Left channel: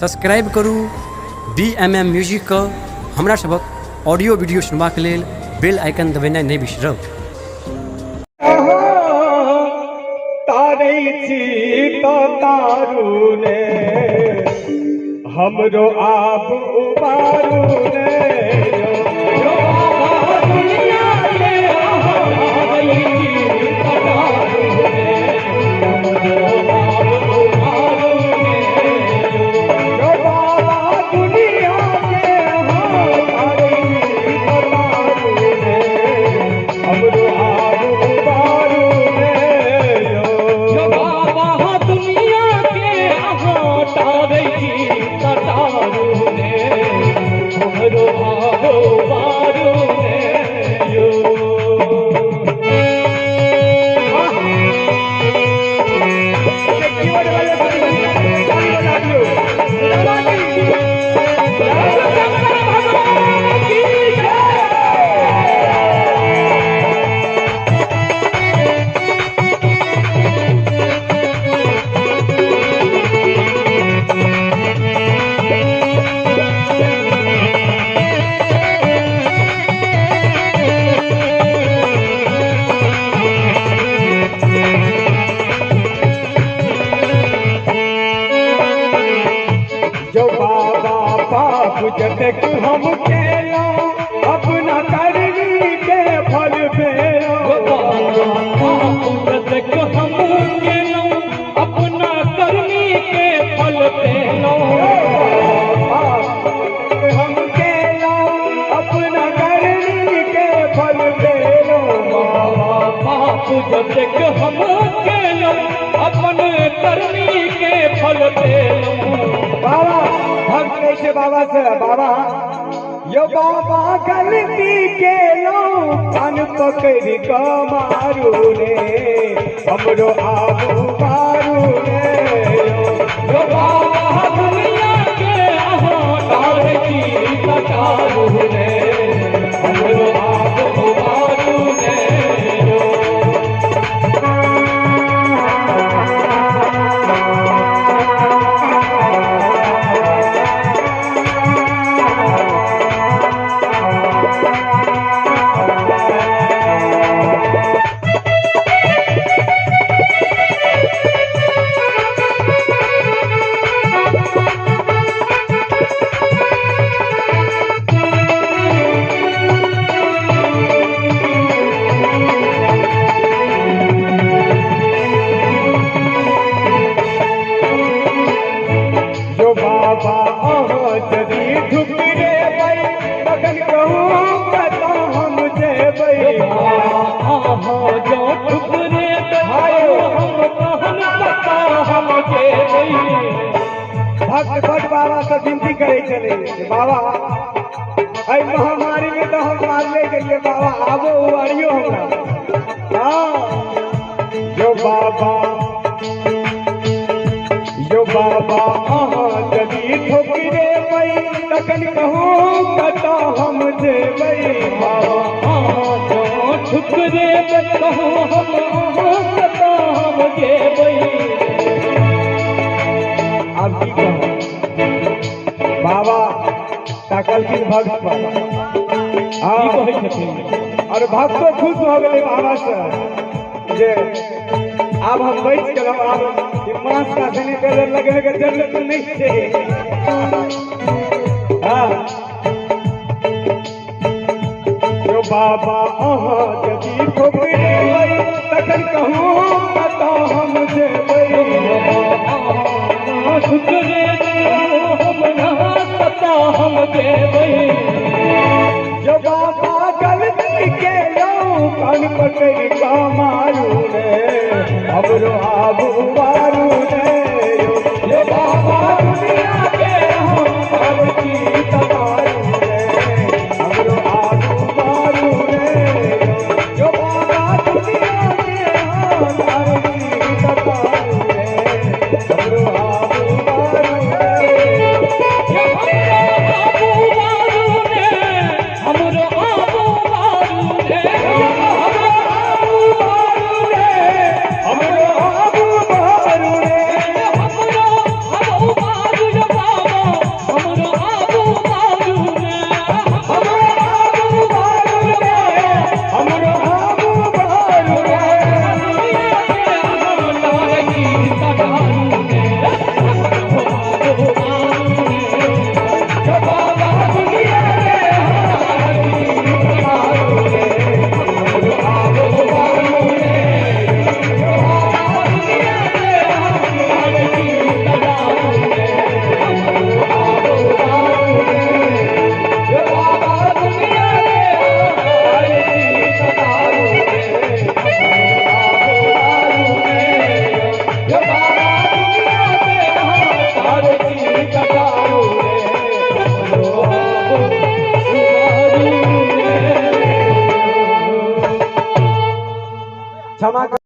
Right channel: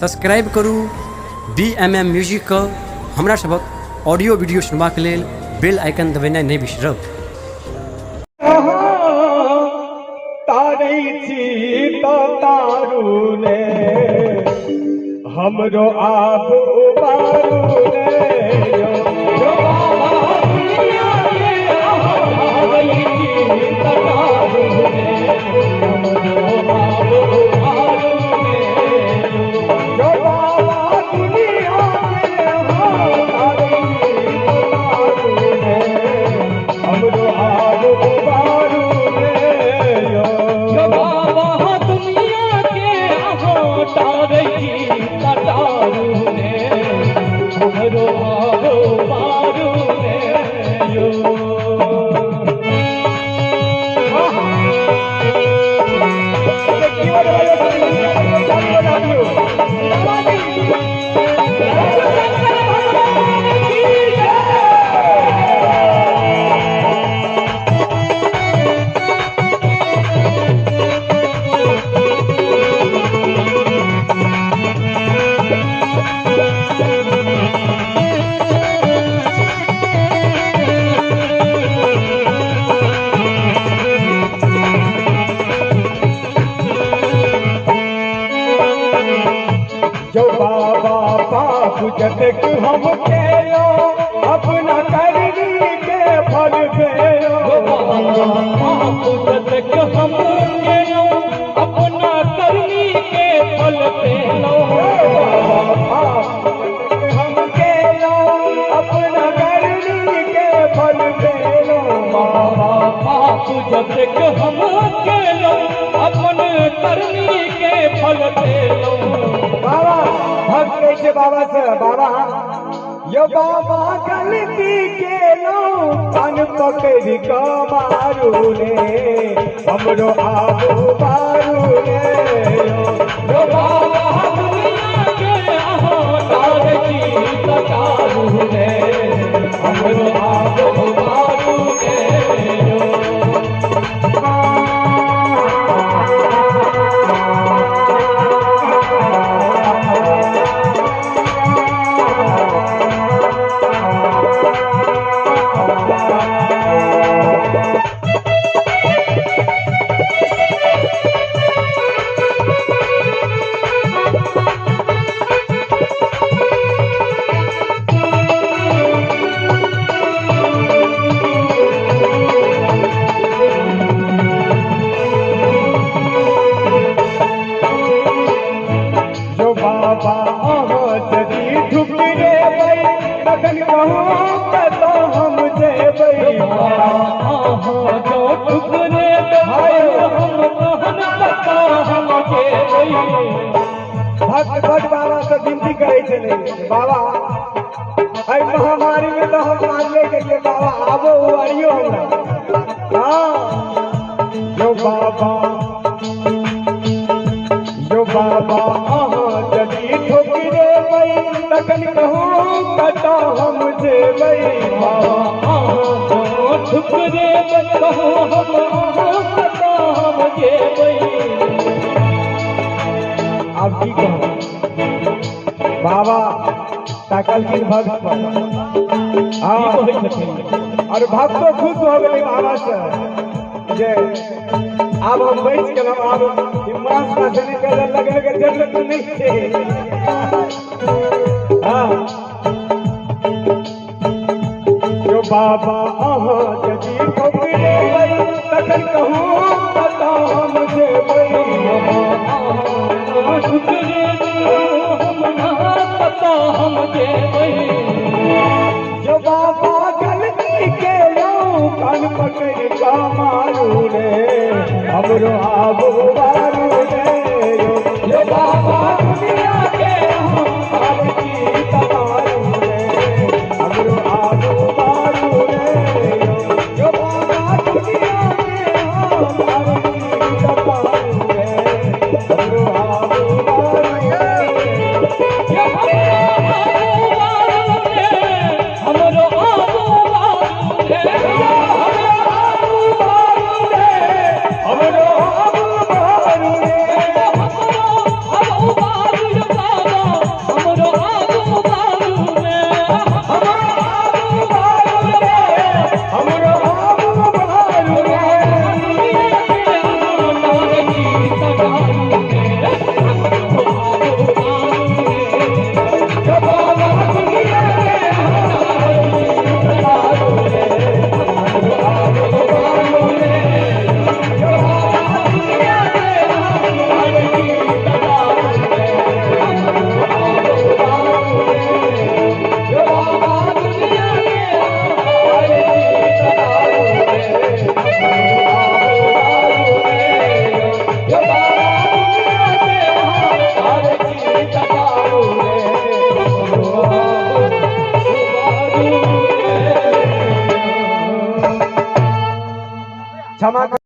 Subscribe करू BMM music हमरा सबक ऑडियो वीडियो सुनबाक लेल बेल आइकन दबेनाइ नहि बिसरब। हमरो आप उबारू जतक हम केलो अपना करनी के फल भेलो जतक हम केलो अपना करनी के फल भेलो हम केलो अपना करनी के फल भेलो बाप जतक हम केलो अपना करनी के फल भेलो। कैसे बाबा से बाबा यो बाबा गलती के लो कान पकड़ को मारू रे हमरो आबो मारू रे यो बाबा दुनिया के हार की कतारू रे हमरो आबो मारू रे। भक्त बाबा से विनती करे चले बाबा अरे महामारी में तो हम मारने के लिए बाबा आबो अरियो हमरा जो बाबा जदी ठोकरे गई तकन कहूँ कता हम देबै ठुकरे कहूँ हम कता हम देबै। बाबा ताकल की भक्त और भक्त तो खुश हो गए बाबा से जे अब हम बैठ के अब मांस पासने के लगने के जरूरत नहीं है। जो बाबा यदि ठोकरे तखन कहूँ कता हम देबै हम देबै